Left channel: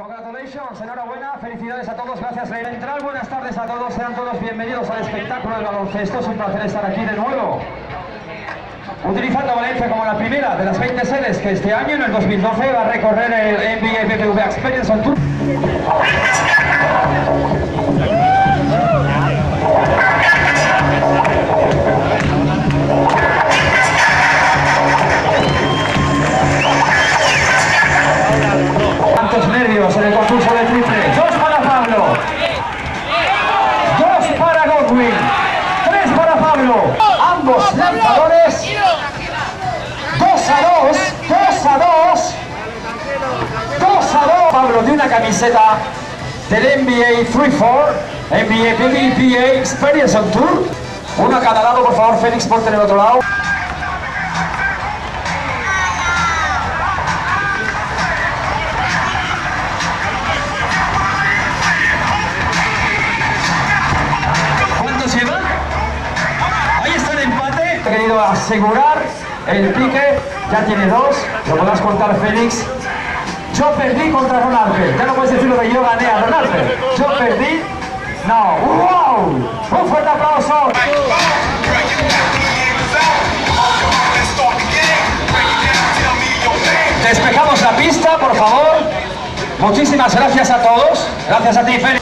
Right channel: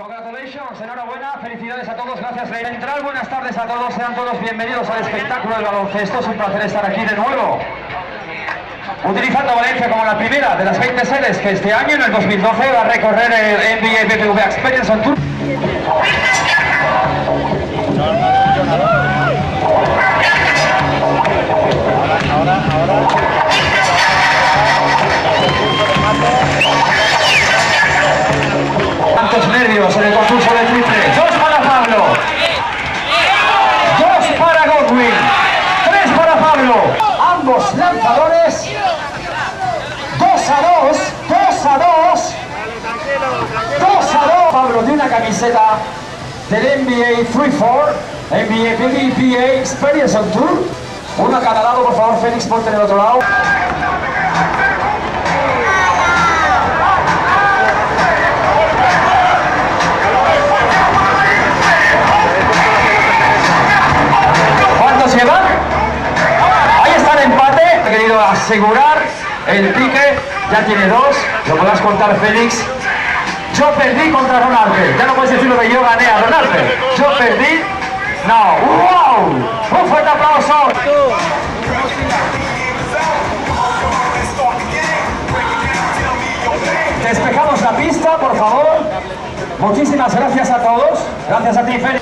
Congratulations, enhorabuena, felicidades a todos, gracias. Central, buenas tardes a todos, sean todos bienvenidos al espectáculo del baloncesto, es un placer estar aquí de nuevo. Utilizando Valencia como la primera de las 20 sedes que este año, en el 2012, va a recorrer el NBA BBVA Experience on Tour. Tantos nervios en el concurso de triple. 2 para Pablo, 2 para Godwin, 3 para Pablo. Ambos lanzadores. 2 a 2, 2 a 2, 2 a 2. Pablo de una camiseta del NBA 3-4, NBA BBVA Experience on Tour. Uno a cada lado, por favor, Félix, ponte en el otro lado. ¿Cuántos llevan? Ahí está el empate. He querido asegurar el pique. Ya tiene 2. Lo podrás contar, Félix. Yo perdí contra Ronaldo. Ya no puedes decir lo que yo gané a Ronaldo. Yo perdí. No. ¡Wow! Un fuerte aplauso. Despejamos la pista, por favor. Muchísimas gracias a todos. Gracias a ti, Félix.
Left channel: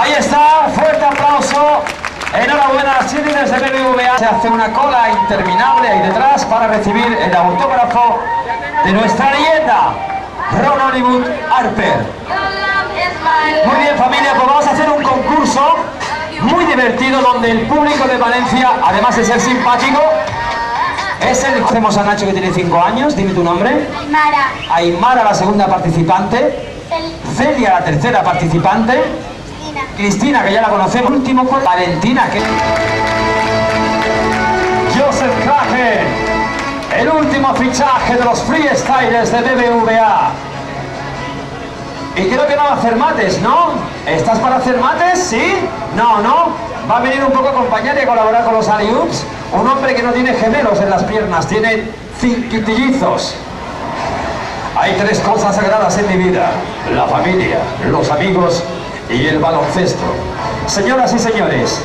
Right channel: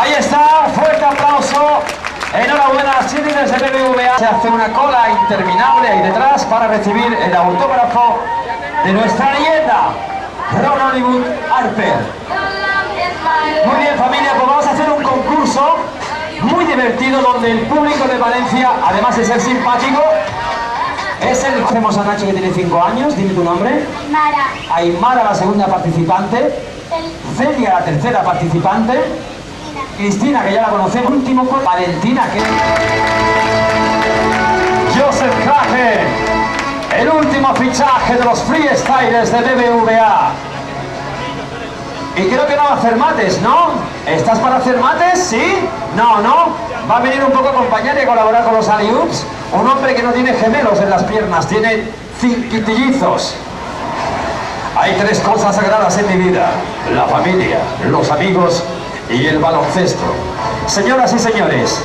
Ahí está, fuerte aplauso. Enhorabuena, cheerleaders de BBVA. Se hace una cola interminable ahí detrás para recibir el autógrafo de nuestra leyenda, Ron Hollywood Harper. Muy bien, familia, pues vamos a hacer un concurso muy divertido donde el público de Valencia, además de ser simpático, es el... Conocemos a Nacho, que tiene 5 años. Dime tu nombre. Aymara. Aymara, la segunda participante. Celia, la tercera participante. Cristina, que ya la conocemos. Último con Valentina, que... Joseph Kraken, el último fichaje de los freestylers de BBVA. Y creo que no va a hacer mates, ¿no? ¿Estás para hacer mates? ¿Sí? No, no. Va a venir un poco a acompañar y a colaborar con los alley-oops. Un hombre que no tiene gemelos en las piernas, tiene quintillizos. Hay 3 cosas sagradas en mi vida: la familia, los amigos y el baloncesto. Señoras y señores,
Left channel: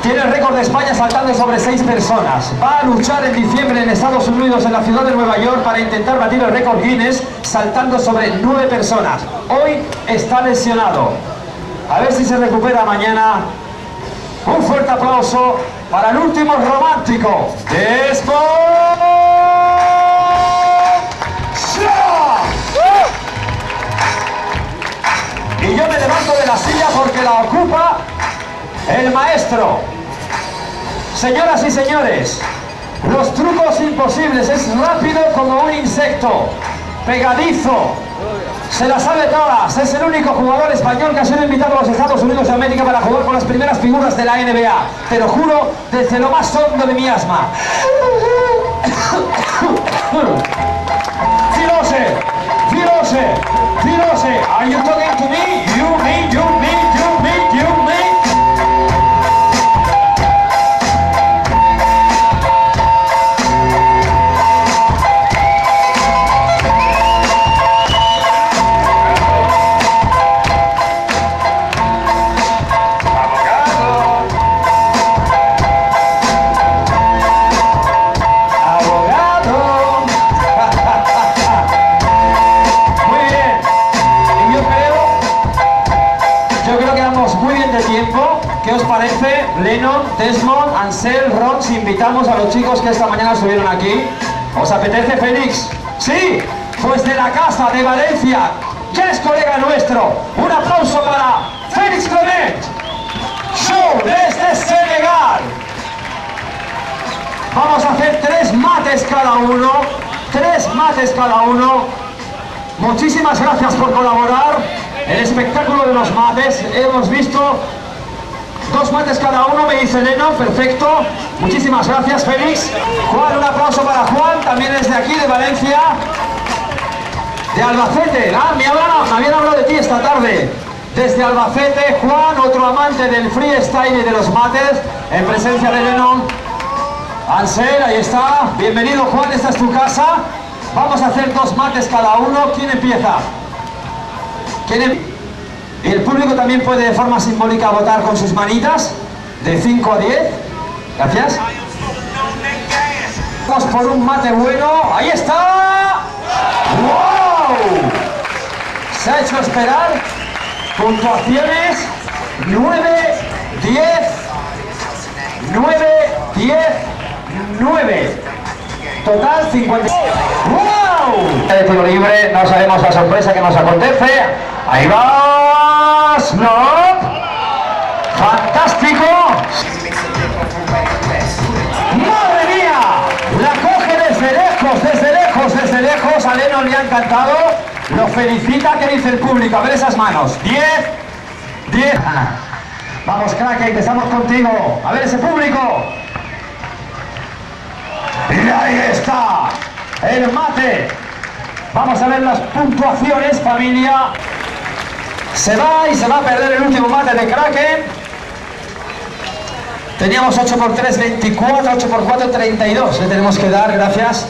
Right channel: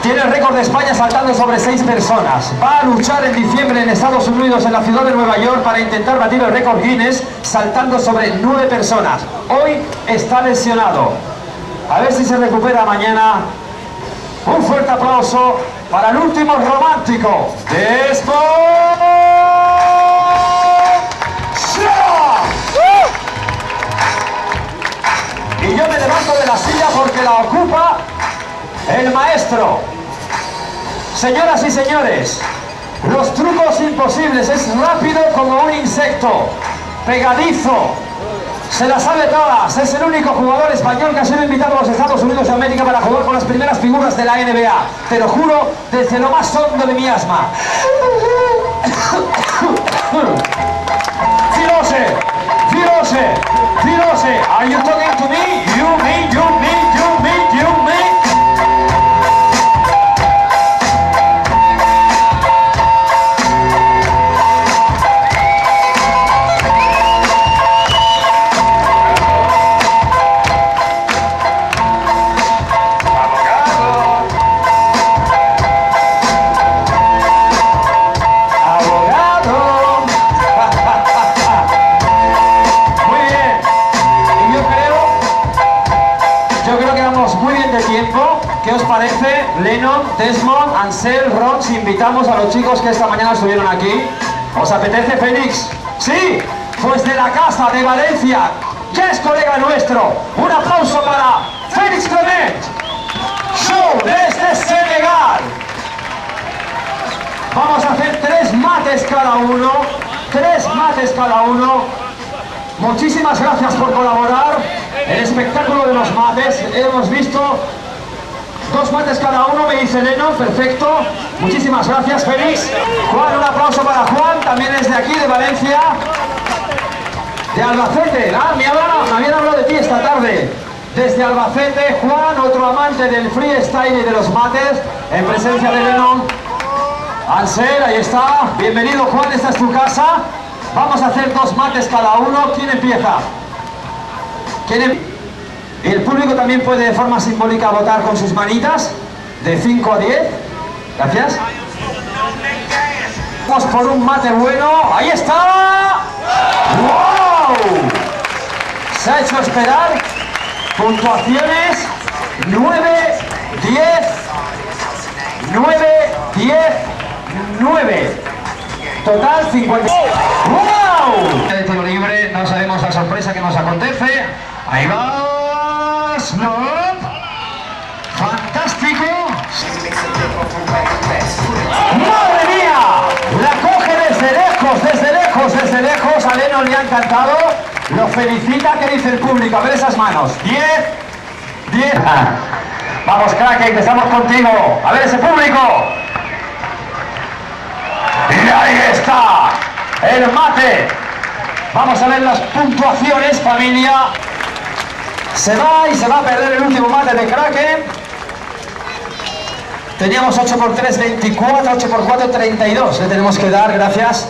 tiene el récord de España saltando sobre 6 personas. Va a luchar en diciembre en Estados Unidos, en la ciudad de Nueva York, para intentar batir el récord Guinness saltando sobre 9 personas. Hoy está lesionado. A ver si se recupera mañana. Un fuerte aplauso para el último romántico de Sport. Y yo me levanto de la silla porque la ocupa el maestro. Señoras y señores, los trucos imposibles. Es rápido como un insecto, pegadizo, se las sabe todas. Es el único jugador español que ha sido invitado a los Estados Unidos de América para jugar con las primeras figuras de la NBA. Te lo juro desde lo más hondo de mi asma. Filose, Filose, Filose, are you talking to me? You, me, you, me, you, me, you, me. Lennon, Desmond, Ansel, Ron, si invitamos a los chicos que esta mañana estuvieron aquí. ¿Os apetece, Félix? ¿Sí? Pues de la casa de Valencia, ya es colega nuestro. Un aplauso para Félix Clement. Show desde Senegal. Vamos a hacer 3 mates cada uno. 3 mates cada uno. Muchísimas gracias por colaborar. El espectáculo de los mates. Hemos visto 2 mates cada uno, me dice Leno, perfecto. Muchísimas gracias, Félix. Juan, un aplauso para Juan, también es de aquí, de Valencia. De Albacete, me habían hablado de ti esta tarde. Desde Albacete, Juan, otro amante del freestyle y de los mates, en presencia de Lennon. Ansel, ahí está. Bienvenido, Juan, esta es tu casa. Vamos a hacer 2 mates cada uno. ¿Quién empieza? Y el público también puede de forma simbólica votar con sus manitas, de 5 a 10. Gracias. Vamos por un mate bueno. ¡Ahí está! ¡Wow! Se ha hecho esperar. Puntuaciones 9, 10, 9, 10, 9. Total 50. ¡Wow! De tiro libre, no sabemos la sorpresa que nos acontece. Ahí va Snoop. Fantástico. ¡Madre mía! La coge desde lejos, desde lejos, desde lejos. A Lennon le ha encantado. Lo felicita. ¿Qué dice el público? A ver esas manos. 10, 10. Vamos, crack, empezamos contigo. A ver ese público. Y ahí está. El mate. Vamos a ver las puntuaciones, familia. Se va y se va a perder el último mate de Kraken. Teníamos 8 por 3, 24, 8 por 4, 32. Le tenemos que dar, gracias.